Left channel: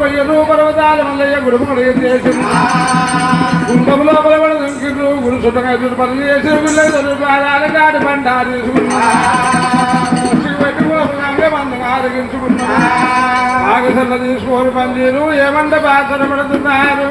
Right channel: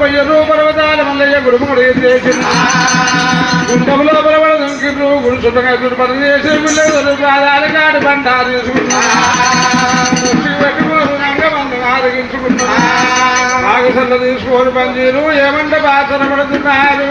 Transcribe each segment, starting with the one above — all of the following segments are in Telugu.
పోయ్యరు పర్వతాల మల్లయ్య గుడుముడు గుండంలో బలబడ దుంకిర్రు గుడి సుతంగా గుడి పనులు చేసి పిల్లలు పాదాల కాడి పంట ఆరగించుకున్నారు ఆగసల్ల తీసుకోని పందీరు ఏమంటే పాత్ర పడుతున్నారు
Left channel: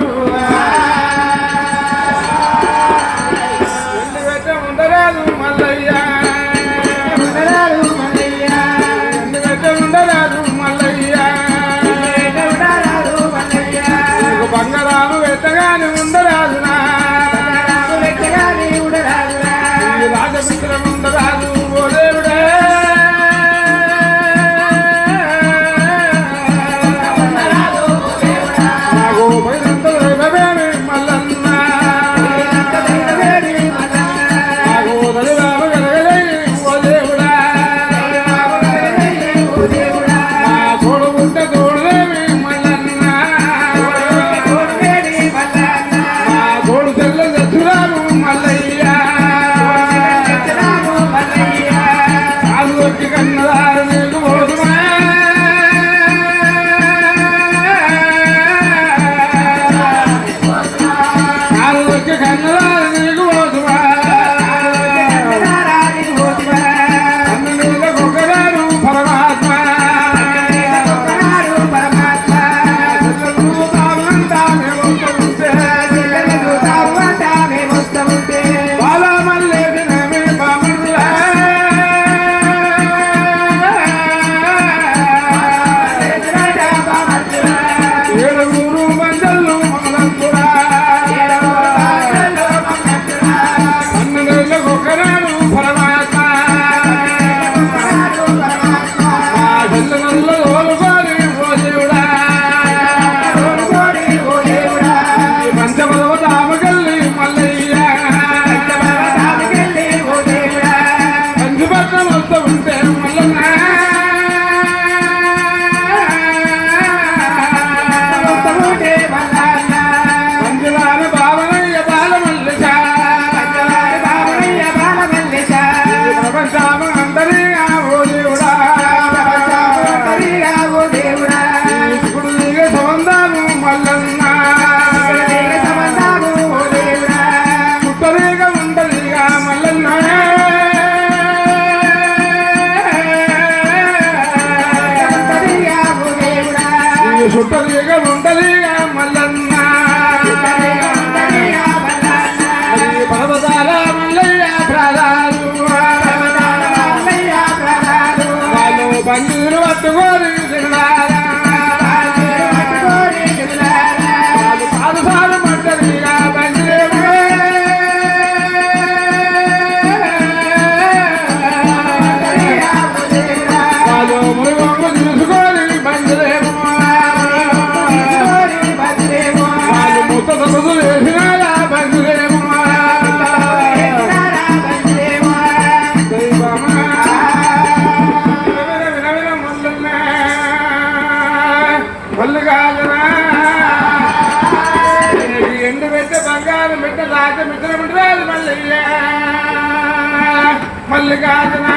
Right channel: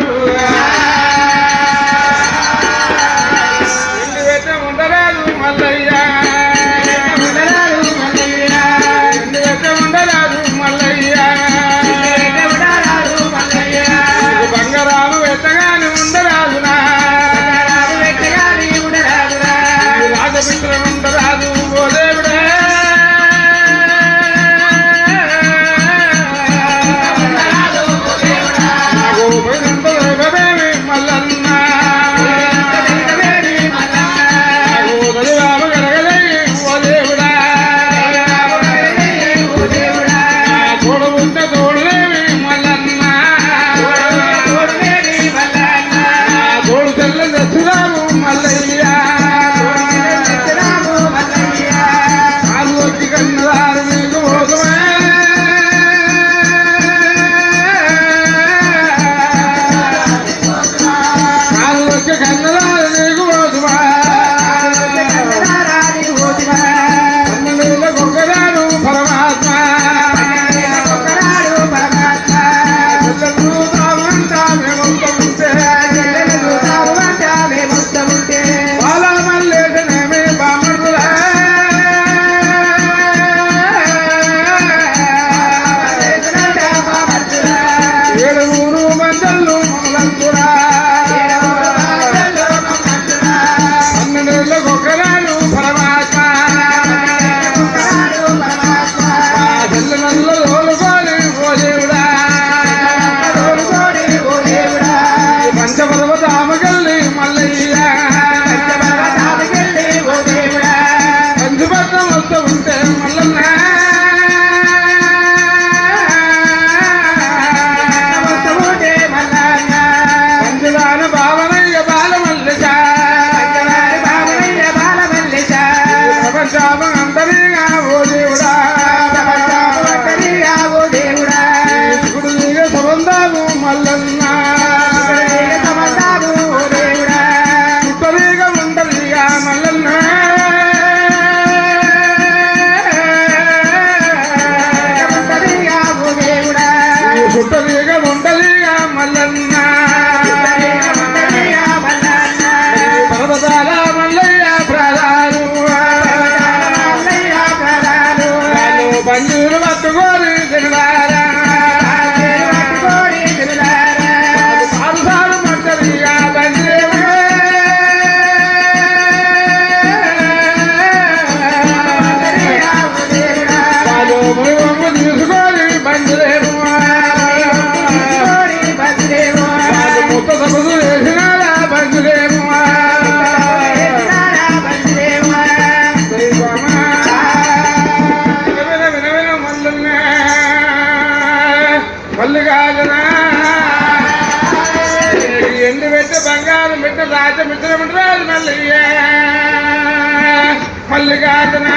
మల్లికార్జున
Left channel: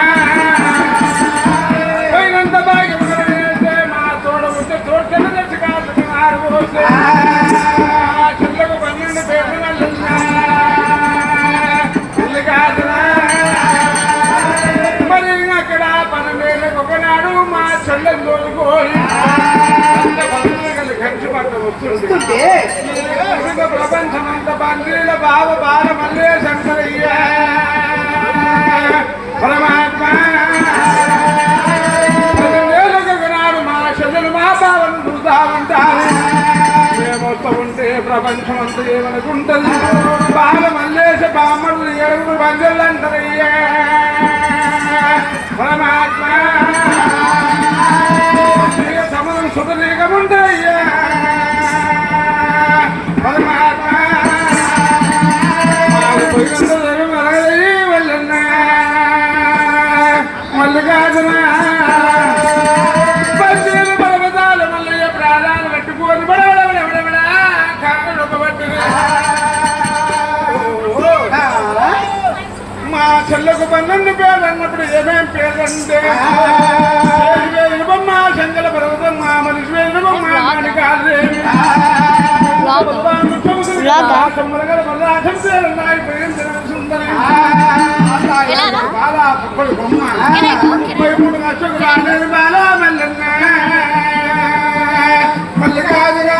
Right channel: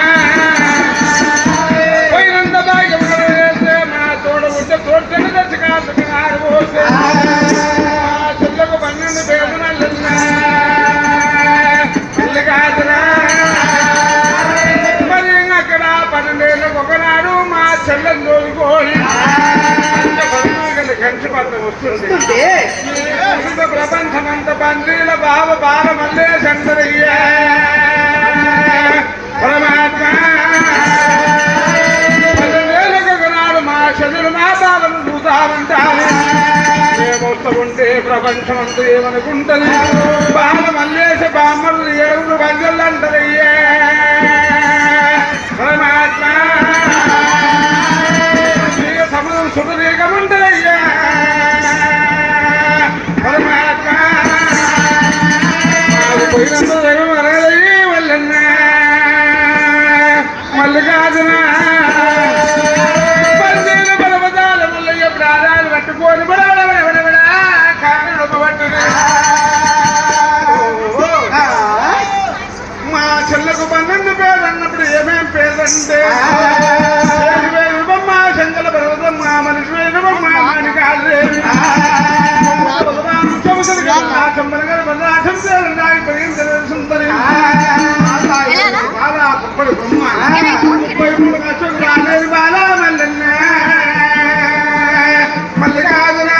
మా తోడ ఉంటే తోట తెచ్చి కాదు చెల్లకు 12 పేరు మల్లికార్జున మరి అక్కడ 12 ఏళ్ళకు ఒకనాడు మా చెల్లెలు తోలుకోని కంచి పట్ల వస్తుంది ప్రపంచమంత బందీల బావ బాల మల్లే శంకరయ్య పరమాత్మ నాడు మా శరీరు మా బాలను చూద్దామంటారు మేమొస్తూ ఉంటే ప్రపంచం అంతా ఏమనుకుంటుంది బాల మల్లేసి బామ్మలు 7 బంజలు అంటారయ్యా పరమాత్మ సమయం సుఖనీకముంటారయ్యా పరమాత్మ మల్లికార్జున పన్నీరు పర్వతాల మల్లయ్య ప్రాణాలు పట్టుకొని మా చెల్లకు 12 పేరు అన్నప్పుడు ఏమేం పేర్లంటే మా చెంగల పర్వతం మా మనిషి బలగల బల్లాఖంతో నాయి పైన సుందరి బాలా పప్పడు బొమ్మ 33 అశోకుల అనేది బాలా మల్లన్న మల్లికాదురా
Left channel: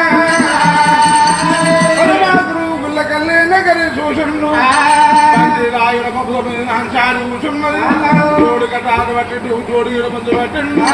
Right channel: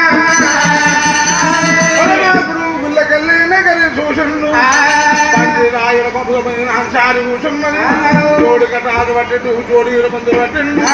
పరమాత్రు గుల్లకల్లి నగరి సూషన్ను రాయుల పంపుల సారి కూర్చున్నది జోడి కట్టాదు పట్టి జోడి మందు పట్టిండు